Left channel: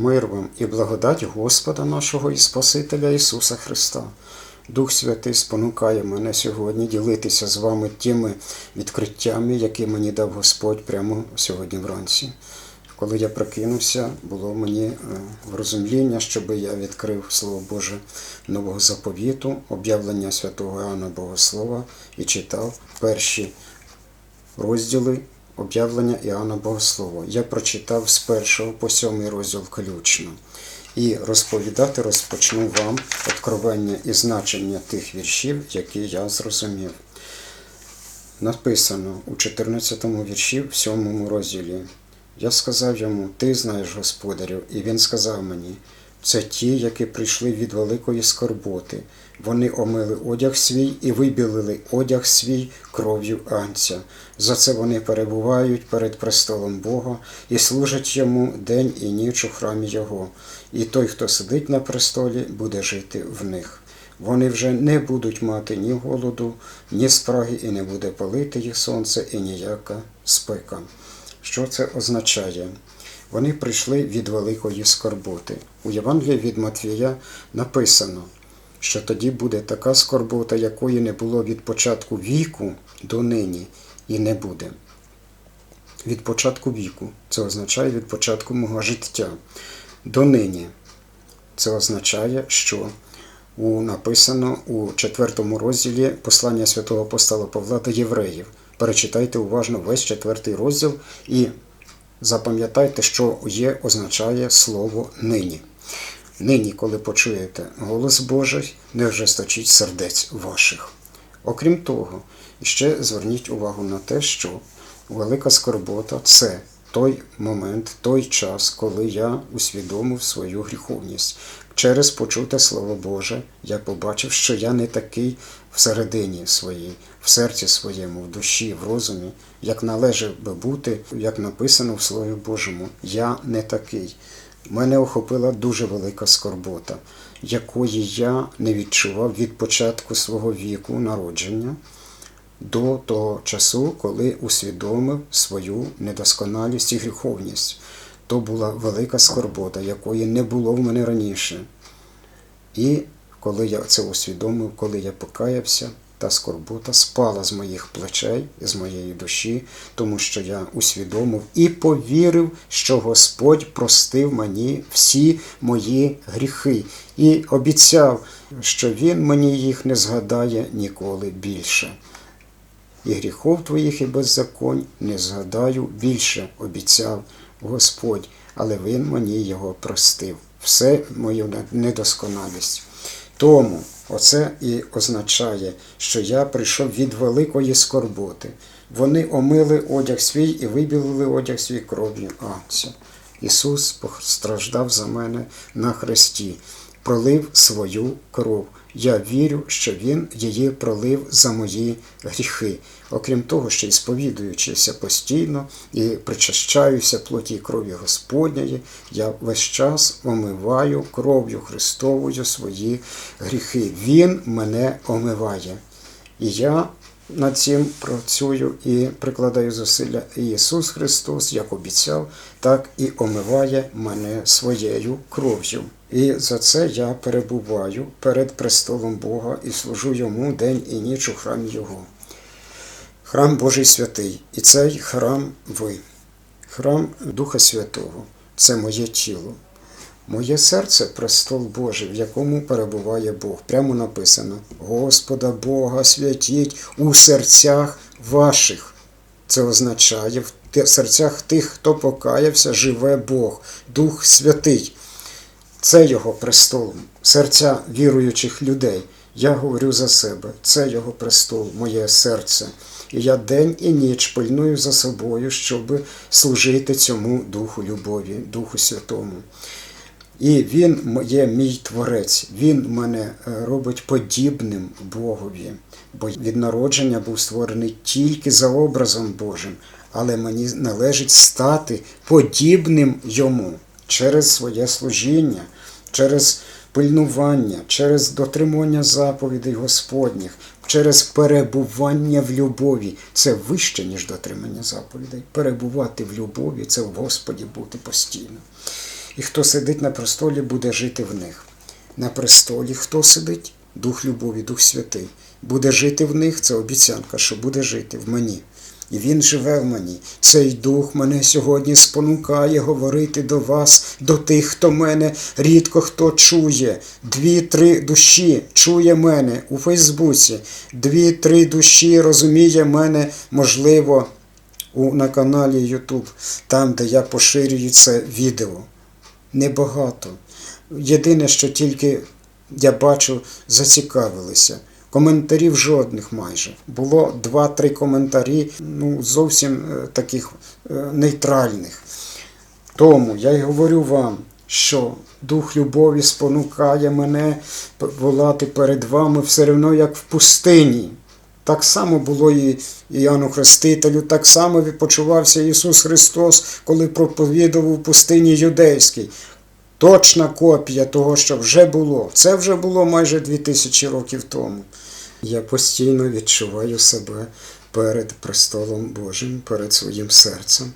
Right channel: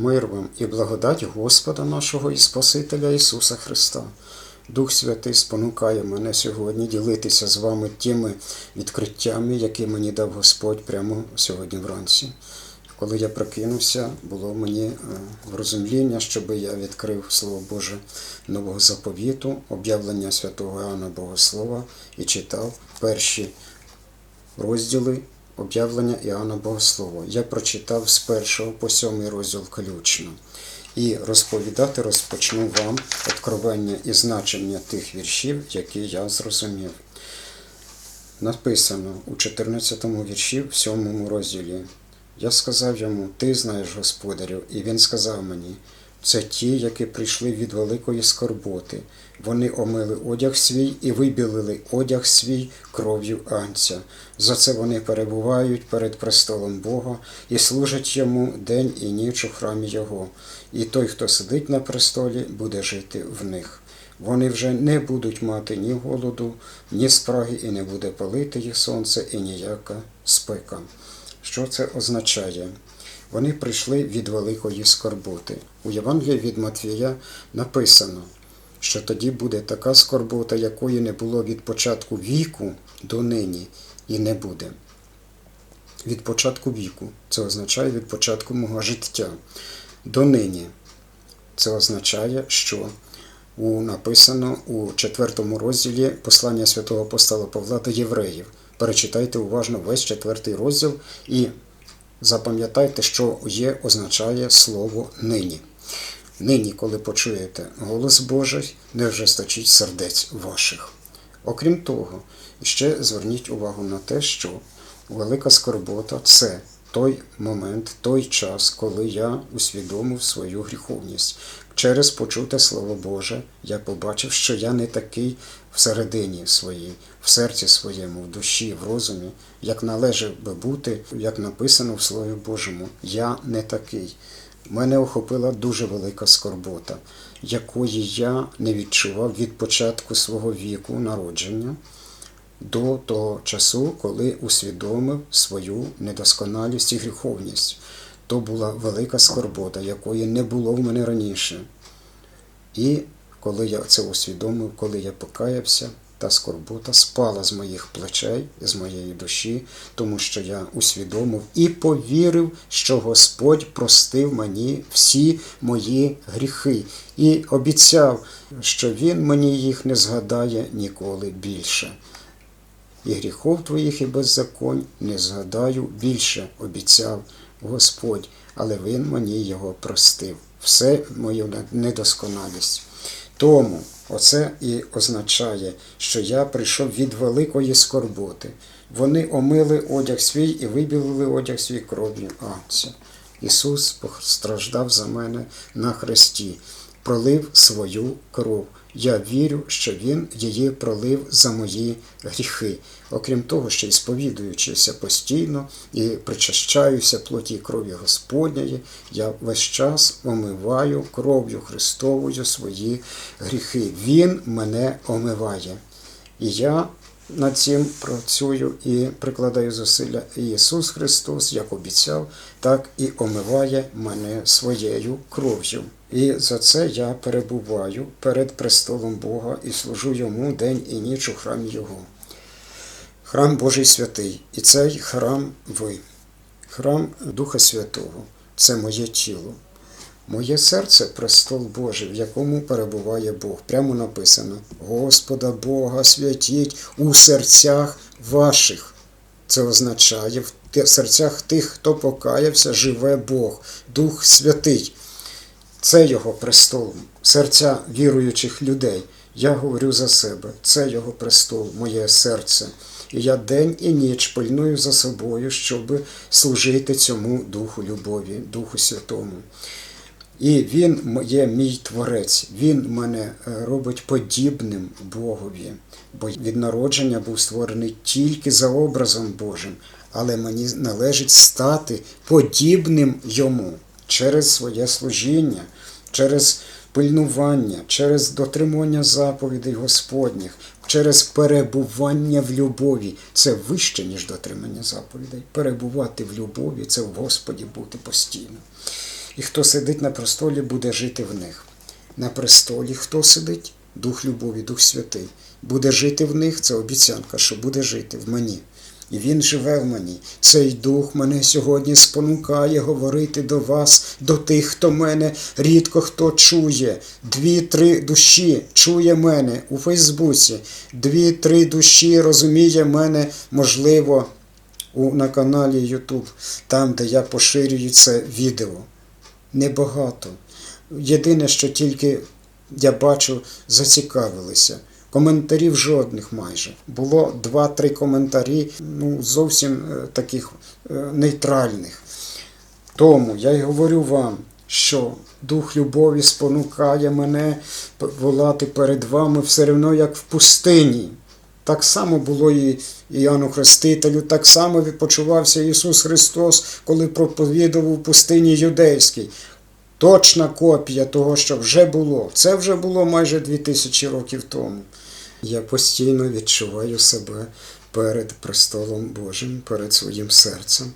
Мир вам і благодать Господа нашого і Спасителя Ісуса Христа. Дух Святий спонукає мене сьогодні ділитися з вами тими відкриттями, які мені дав Господь прямо сьогодні вранці. Коли я прокинувся, було мені е, в розумління, щоб я відкрив Слово Боже Нового заповіту, об'явлення святого Іоанна Богослова і читав перші розділи об'явлення Іоанна Богослова. Я прочитав з першого по сьомий розділ включно. І розповідати розпочну вам откровення і значення тих віршів, які я зрозумів. Написано у 14 вірші, в 7 розділі. Я сказав йому, ти знаєш господарів, і він сказав мені, це ті, які прийшли від великої скорботи. Вони омили одяг свій і вибілили одяг свій кров'ю анця. За це вони перебувають перед престолом Бога і служать йому день і ніч у храмі Його. І той, хто сидить на престолі, буде жити в них. Вони вже не будуть мати ні голоду, ні спраги, і не буде палити їх сонце, і ніяка спека. Що це означає? Вони прийшли від великої скорботи. У Євангелії від Матвія написано, що тоді буде така скорбота, якої не було від початку віку до нині, і не буде. Від початку віку це означає від початку мого життя. До нині це означає, що у, написано у четвертому розділі послання святого апостола Павла до євреїв. Перечитайте уважно весь четвертий розділ і запам'ятайте, що є, означає слово нині. Нині, коли почуєте голос Божий, не ожесточіть сердець ваших. Окрім того, ще зверніть увагу на те, що велика скорбота це той момент, той час, коли я усвідомив свою гріховність. Через почуте Слово Боже я побачив, що я не такий всередині своїй, в серці своєму, в душі, в розумі, як належав би бути, як написано в Слові Божому. Я не такий. Мене охопила дуже велика скорбота, якої я не відчував від початку свого віку народження до того часу, коли усвідомив свою недосконалість і гріховність. То була велика скорбота, якої не було в мене раніше. І коли я це усвідомив, коли я покаявся, та скорбота спала з моїх плечей, з моєї душі, тому що я усвідомив і повірив, що Господь простив мені всі мої гріхи, і обіцяв, що Він мені їх не згадає ніколи більше. І гріхов твоїх і беззаконь не згадаю більше, обіцяв Господь, але Він мені його простив. Все мою недосконалість. Тому оце і означає, що я прийшов від великої скорботи. Вони омили одяг свій і вибілили одяг свій кров'ю Анця. Ісус постраждав за мене на хресті, пролив свою кров. Я вірю, що Він її пролив за мої гріхи. Окрім того, що і сповідуючися постійно і причащаюся плоті крові Господньої, я весь час омиваю кров'ю Христовою свої гріхи. Він мене омиває. І я над цим працюю і прикладаю зусилля. Ісус Христос, як обіцяв, так і омиває мене своєю кров'ю. І за це я перебуваю перед престолом Бога і служу йому день і ніч у храмі Його. Храм Божий святий, і цей храм ви, храм Духа Святого, це моє тіло. Моє серце престол Божий, в якому перебуває Бог. Прямо написано: Господа Бога святіть у серцях ваших. Це означає, в серцях тих, хто покаявся, живе Бог, Дух Святий. Це його престол, серця віруючих людей. Я говорю за себе, це його престол, моє серце. І я день і ніч пильную за собою, щоб служити цьому Духу любові, Духу Святому. І він є мій творець, він мене робить подібним Богові, бо від народження був створений тільки за образом Божим, але мені належить стати подібним йому через своє служіння, через пильнування, через дотримання заповідей Господніх, через перебування в любові. Це вище, ніж дотримання заповідей. Перебувати в любові це в Господі бути постійно. і хто сидить на престолі, буде жити в них. На престолі хто сидить? Дух любові, Дух Святий. Буде жити в них, це обіцянка, що буде жити в мені. І він живе в мені. Цей дух мене сьогодні спонукає говорити до вас, до тих, хто мене рідко хто чує. Дві-три душі чує мене у Фейсбуці. Дві-три душі розуміє мене, можливо, у, на каналі YouTube, там, де я поширюю це відео. Небагато. Єдине, що тільки я бачу, зацікавилися. Коментарів жодних майже. Було два-три коментарі, ну, зовсім е, таких е, нейтральних. Тому я й говорю вам, що дух любові спонукає мене волати перед вами все одно, як в пустині. Так само було і Іоанну Хрестителю, так само відпочивався Ісус Христос, коли проповідував у пустині юдейській. Точна копія того, що вже було. Це вже було майже 2000 років тому. Я постійно відчуваю себе перед престолом Божим, перед своїм серцем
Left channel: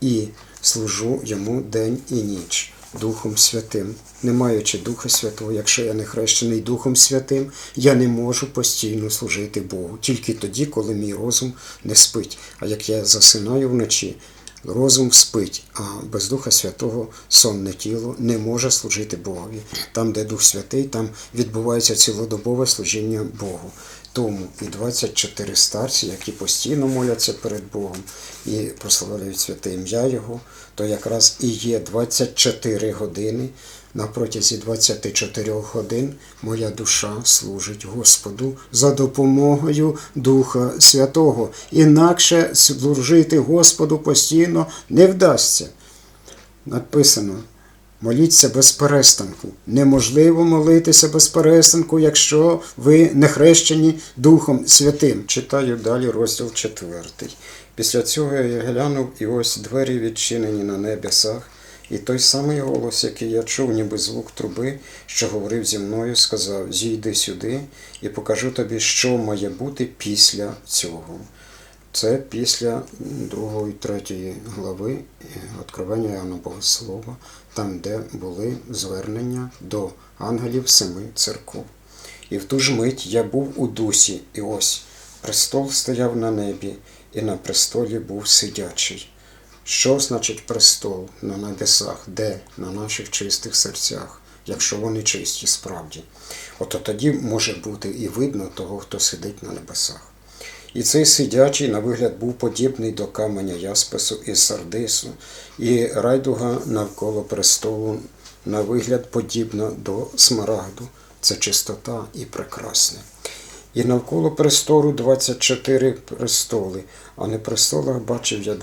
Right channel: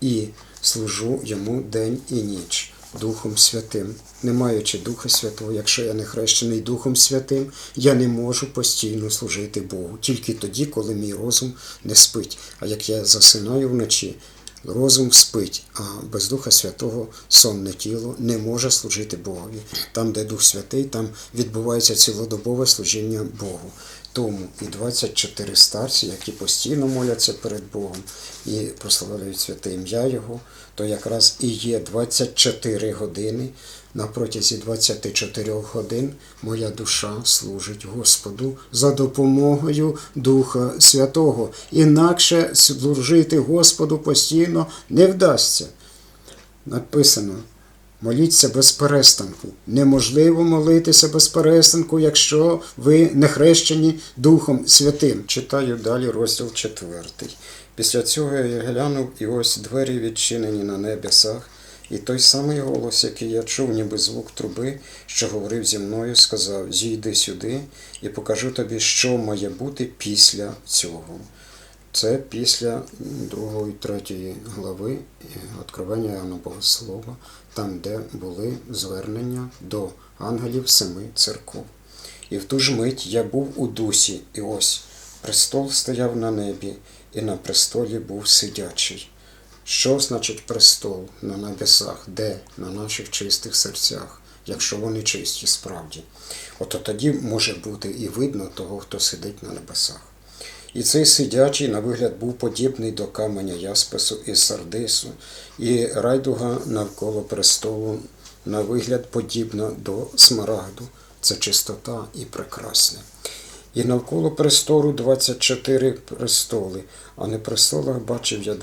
і служу йому день і ніч Духом Святим. Не маючи Духа Святого, якщо я не хрещений Духом Святим, я не можу постійно служити Богу. Тільки тоді, коли мій розум не спить. А як я засинаю вночі, розум спить, а без Духа Святого сонне тіло не може служити Богові. Там, де Дух Святий, там відбувається цілодобове служіння Богу. Тому і 24 старці, які постійно моляться перед Богом і прославляють святе ім'я Його, то якраз і є 24 години. На протязі 24 годин моя душа служить Господу за допомогою Духа Святого. Інакше служити Господу постійно не вдасться. Написано. Моліться без перестанку. Неможливо молитися без перестанку, якщо ви не хрещені Духом Святим. Читаю далі розділ 4. Після цього я глянув, і ось двері відчинені на небесах, і той самий голос, який я чув, ніби звук труби, що говорив зі мною, сказав: Зійди сюди і покажу тобі, що має бути після цього. Це після другої, третьої глави Откровення Іоанна Богослова, там, де були звернення до ангелів семи церков. І в ту ж мить я був у дусі, і ось престол стояв на небі, і на престолі був сидячий. Що значить престол на небесах, де на наших чистих серцях, якщо вони чисті справді? Ото тоді може бути і видно того, хто сидить на небесах. І цей сидячий, на вигляд, був подібний до каменя яспису і сардису, і райдуга навколо престолу, на вигляд, подібна до смарагду. Це чистота і прекрасне. І навколо престолу 24 престоли, а на престолах бачив я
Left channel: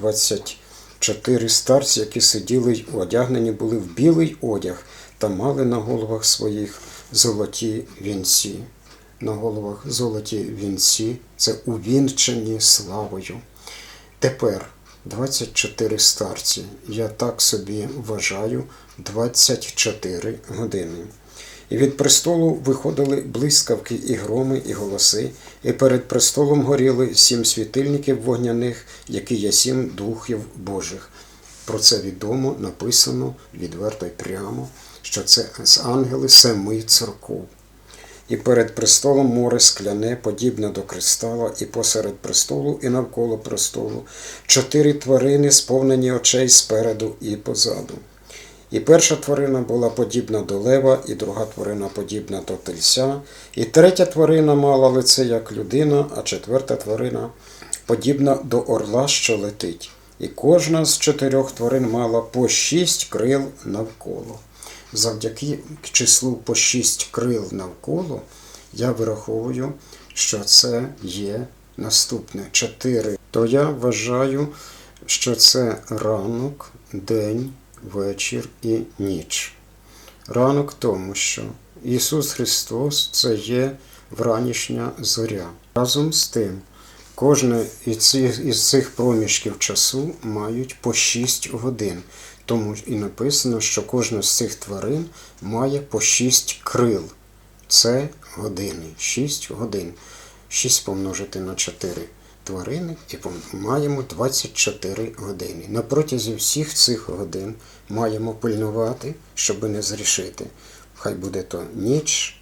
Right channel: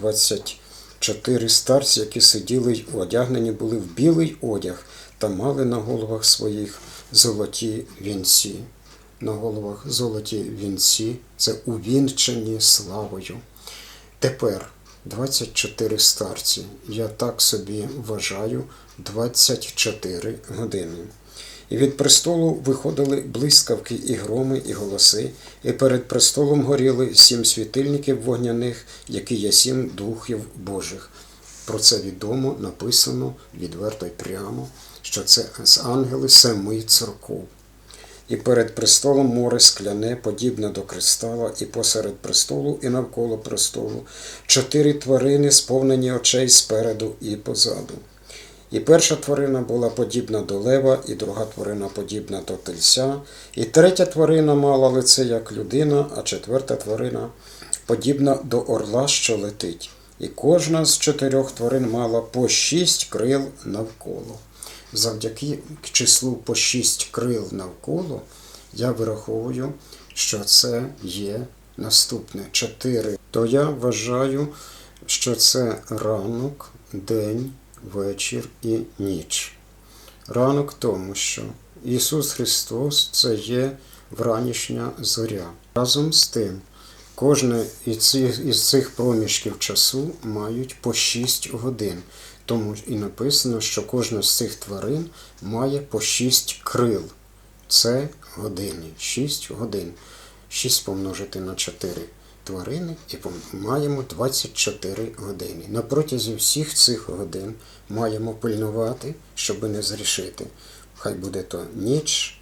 24 старці, які сиділи й одягнені були в білий одяг та мали на головах своїх золоті вінці на головах золоті вінці, це увінчені славою. Тепер 24 старці. Я так собі вважаю 24 години. І від престолу виходили блискавки і громи, і голоси, і перед престолом горіли сім світильників вогняних, які є сім духів Божих. Про це відомо написано відверто й прямо, що це з ангели семи церков. І перед престолом море скляне, подібне до кристала, і посеред престолу, і навколо престолу, чотири тварини, сповнені очей спереду і позаду. І перша тварина була подібна до лева, і друга тварина подібна до тельця, і третя тварина мала лице як людина, а четверта тварина подібна до орла, що летить. І кожна з чотирьох тварин мала по шість крил навколо завдяки числу по 6 крил навколо, я вираховую, що це є наступне 4. То я вважаю, що це ранок, день, вечір і ніч. Ранок тому, що Ісус Христос це є вранішня зоря. Разом з тим, кожне із цих, проміжків часу мають по 6 годин. Тому і написано, що кожна з цих тварин має по 6 крил. Це години. 6 годин. 6 помножити на 4. Тварини і маємо 24 години. На протязі всіх цих годин маємо пильнувати, щоб не зрішити. Хай буде то ніч,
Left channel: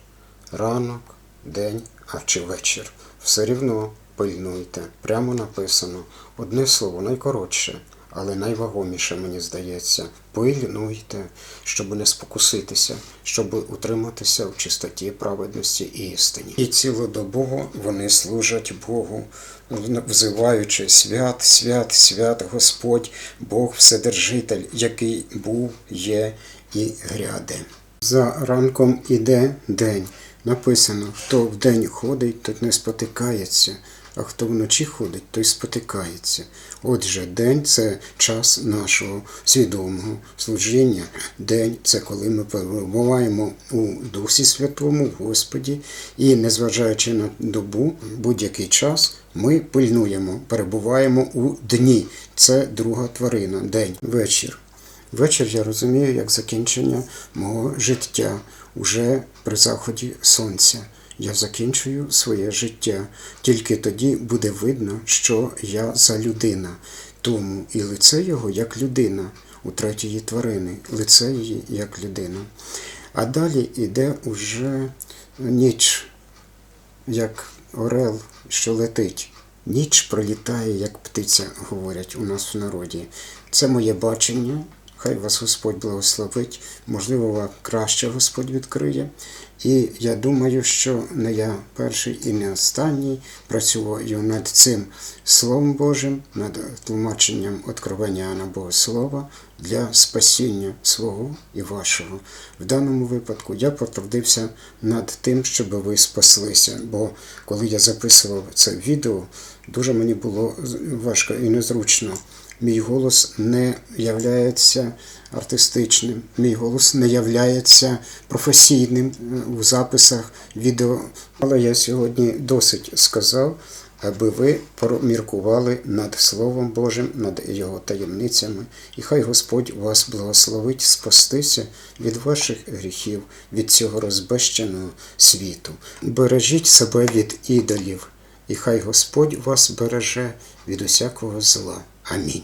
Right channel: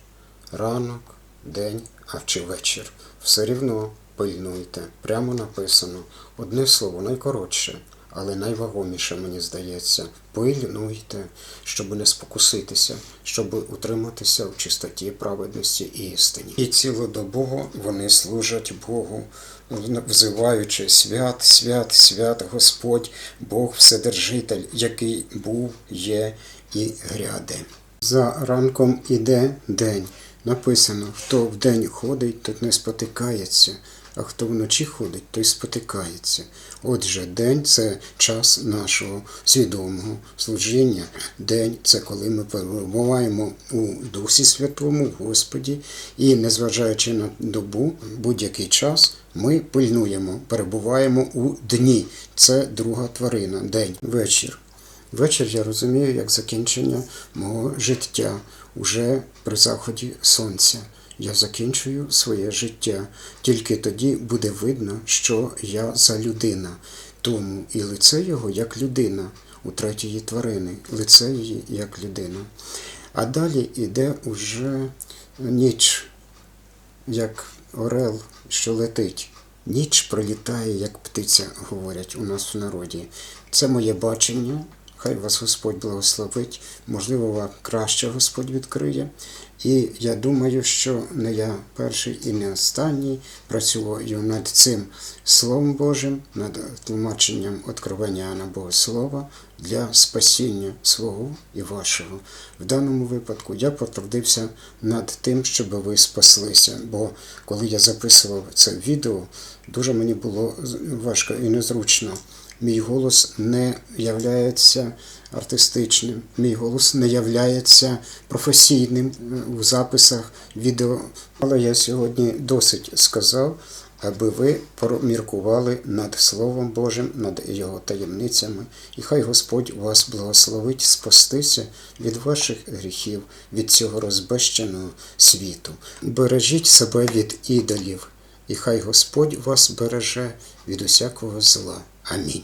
ранок, день, а чи вечір. Все рівно пильнуйте. Прямо написано. Одне слово найкоротше, але найвагоміше, мені здається. Пильнуйте, щоб не спокуситися, щоб утриматися в чистоті, праведності і істині. І цілодобово вони служать Богу, взиваючи свят, свят, свят Господь, Бог Вседержитель, який був, є і гряде. За ранком іде день. Написано, хто вдень ходить, той не спотикається, а хто вночі ходить, той спотикається. Отже, день це час нашого свідомого служіння. День це коли ми перебуваємо у Дусі Святому, Господі, і, незважаючи на добу, будь-який час ми пильнуємо, перебуваємо у дні. Це друга тварина, день, вечір. Вечір я розумію як закінчення мого життя уже при заході сонця. Я закінчую своє життя. Тільки тоді буде видно, що я за людина. Тому і лице його як людина у третьої тварини, лице її як людина. А далі іде уже ніч, як орел, що летить. Ніч пролітає, як птиця, говорять у нас в народі. Це моє бачення. Хай вас Господь благословить, можливо, вам краще Господь відкриє. І я думаю, що не я перший і не останній працюю над цим Словом Божим, над тлумаченням откровення Іоанна Богослова для спасіння свого і вашого. В даному випадку я потрудився над тим, щоб ви спаслися. Бо коли я записував це відео, дуже мені було важко і незручно. Мій голос не являється артистичним, мій голос не являється професійним е, у записах відео. Але я сьогодні досить сказав, аби ви проміркували над Словом Божим, над його таємницями, і хай Господь вас благословить спастися від ваших гріхів, від цього розбещеного світу. Бережіть себе від ідолів, і хай Господь вас береже від усякого зла. Амінь.